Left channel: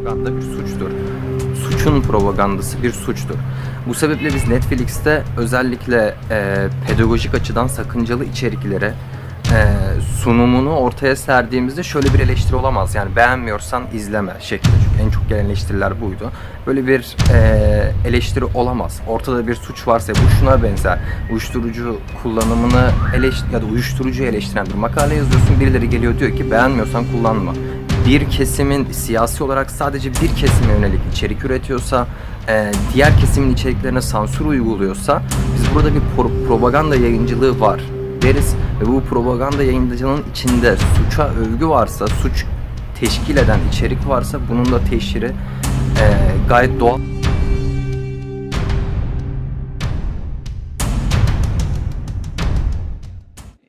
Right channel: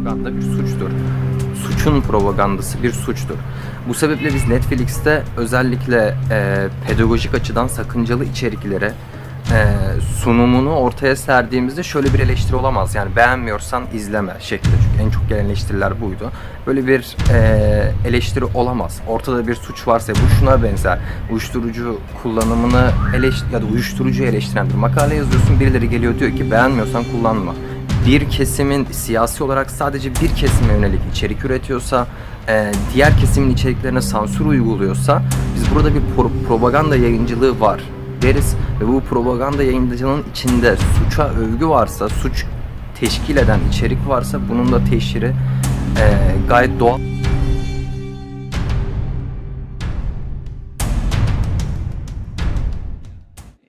propaganda bir suçtur. Suçun propagandası bir suçtur. Bu sebeple biz Netflix'te özellikle pedagojik açıdan sakıncalı içeriklere sunumunu ortaya serdiğimizde şöyle bir eleştiri olamaz. Yani beğenmiyorsan izleme şeklinde. Çünkü en çok gelen eleştiriler buydu. Böyle bir eleştiri olamaz. Ortada bir suç varsa bu şuna benzer. Uyuşturucu kullanımını ya da uyuşturucuyu eleştiren bir makale yazıyorsun. Birileri geliyor diyor ki beğenmiyorsan kullanma. Bir kesimin siyasi olarak sadece bir kesime yönelik içerik üretiyorsa, diğer kesimin içeriklerine sansür uyguluyorsa biz burada bir propaganda yayıncılığı var deriz ve bu propaganda yayıncılığının içinde suça övgü varsa, suç teşkil eden içerik varsa bunun da teşhiri gayet doğal.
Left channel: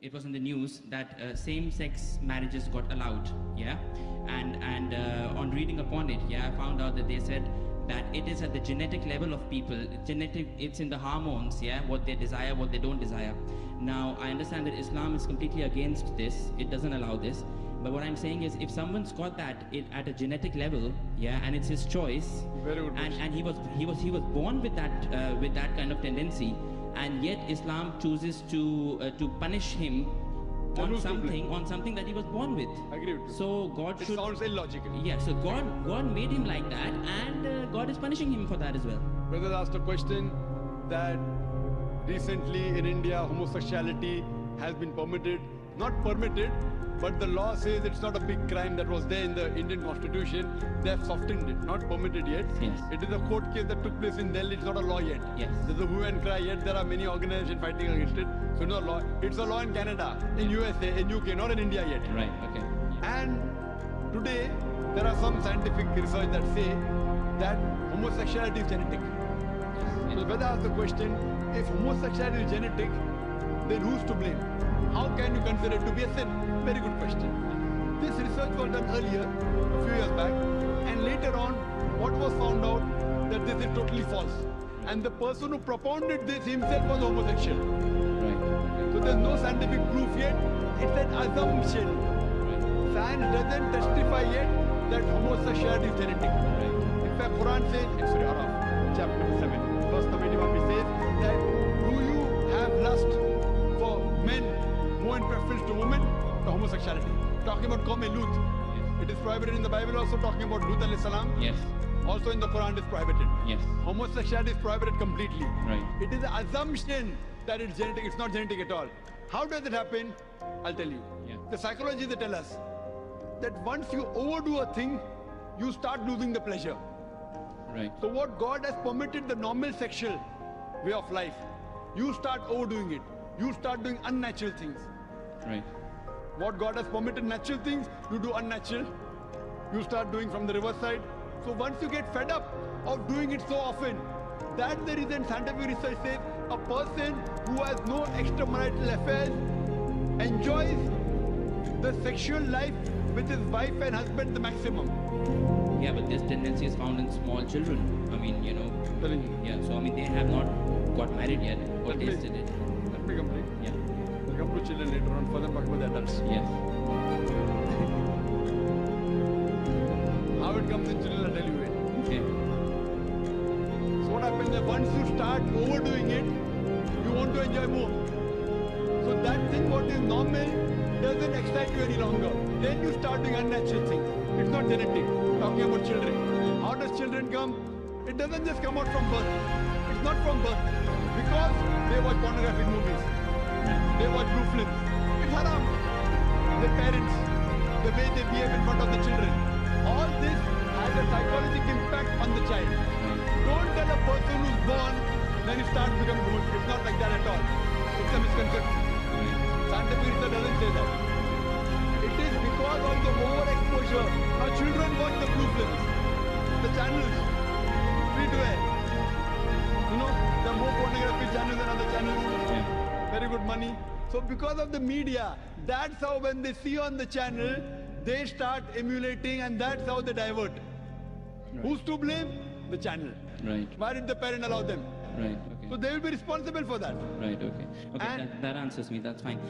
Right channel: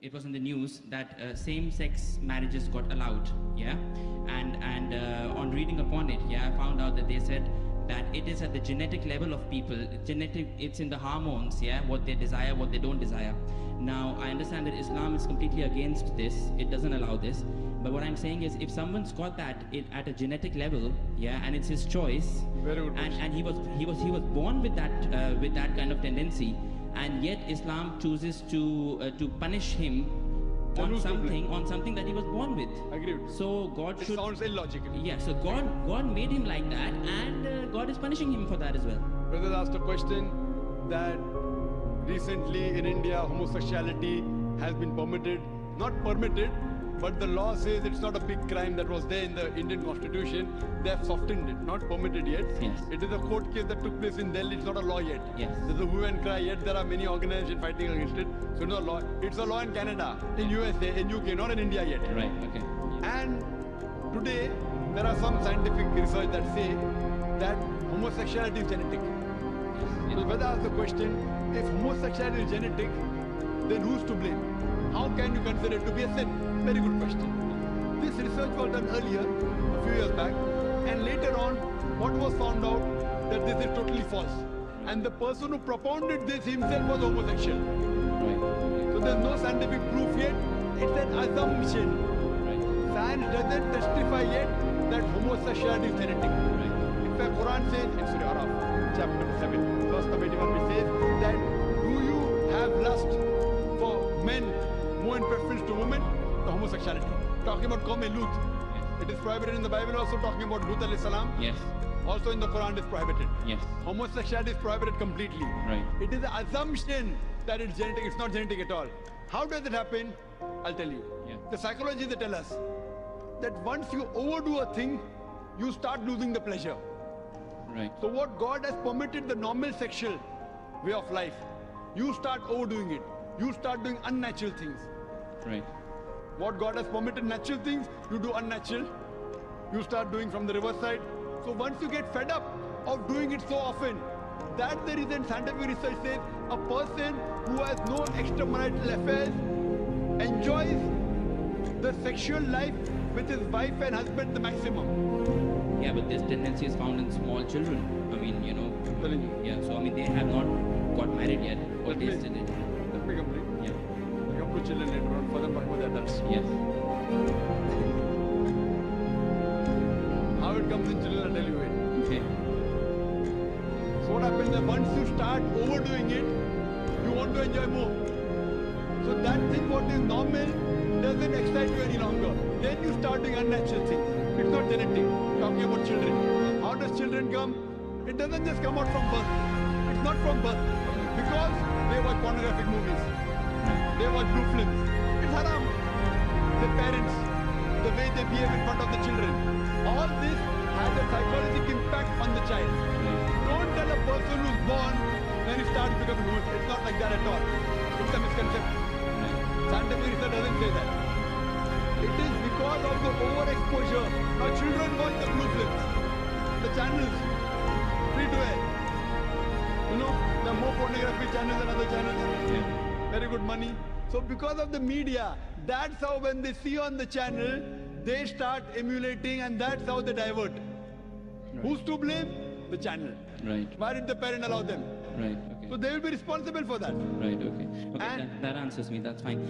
It was in the news that same-sex marriages got allowed, yeah, and on reading upon it, yeah, I found out that they said that it is at the genetic level of people. It's in the hormones, yeah, what they desire, what they don't desire. Now, I understand that Islam is completely against this. It doesn't allow this. But what I'm saying is, if someone's got that at a genetic level, yeah, and it's his choice, and he was born with that kind of tendency, and yet Islam chooses to punish him on something that he was born with. I agree with you. So God should. It sounds illogical. Yeah. So God made him like that, and God is punishing him for that as well. Brother asked a question that recently in India homosexuality has been permitted, not permitted, but the law says it's not a big crime that was there in the Indian constitution. They have softened it, not permitted yet. Yes. It is a court case that took place in Delhi. It's not a law yet. Yes. There's a hue and cry yet. There are many organizations fighting against it. So no law. It's a law in Canada, in USA, in UK, not in India yet. Right. Okay. And today there are some scientific research that say that homosexuality is genetic. Yes. So whether ask the question, if homosexuality is genetic, then who's to blame? How can you consider it to be a sin? Very good question. This research was done earlier, a few years back, and later on, what was found out that this is totally false. And the person who propounded this himself was homosexual. Right. Okay. So there's no scientific proof yet. It's an assumption. Right. Science doesn't testify yet that homosexuality is genetic. Right. In fact, Quran says in Surah Araf, chapter number 7, verse number 81, which says that do you have lust for men more in preference to women? To homosexuality. Talking about Qawm Lut. Yes. It is prohibited in the Bible, also talking about Lut alayhi salam. Yes. Also in the Quran it is prohibited. Yes. Homosexuality is prohibited completely. Right. It is an assumption that it's genetic. It's not genetic at all. How does it happen? I'll tell you. Yeah. The psychologists they tell us that once you overdo a thing, you start losing the pleasure. Right. So what God has permitted the normal sexual way of life, you start overdoing it. You start doing unnatural things. Right. What God has permitted natural things, you do unnatural. You start doing from the reverse side. So once you get fed up of doing it so often, that's the reason scientific research says a person who has no extramarital affairs enjoys the sexual life with his wife and husband the maximum. Yeah, but this tendency is found in small children. I mean, you know. Telling you. Yeah. So I mean, they have not got married yet or Let me- tasted it. Let me complete. Yeah. We'll come to children later on, further talking about the adults. Yes. How it comes in children, I'll tell you it. Okay. So what happens is once you start overdoing it, you want to enjoy more. So that thing what is normal doesn't excite you any longer. Then you start doing unnatural things. It's not genetic. Talking about children. How does children come? It doesn't just come out from birth. It's not from birth. Because they watch pornographic movies. Right. They watch blue films. It's haram. The parents, the way they behave in front of the children. All this has a psychological impact on the child. Right. Don't tell a person who's born, then he starts becoming homosexual. It's not like that at all. It's a misconception. Right. Scientific research doesn't say that. It is because of the overexposure. Now children watch the blue films, the channels, free to air. You know, there are more pornography channels than other channels. Yeah. Very good money. So because of the media, that's how when they see on the channel, they start emulating and that's how they divert. Right. Who's to blame? The channel. Right. Why did the parent allow them? Right. Okay. So they will be responsible for that. Right. Okay. Okay. And- That answers me. That's fine.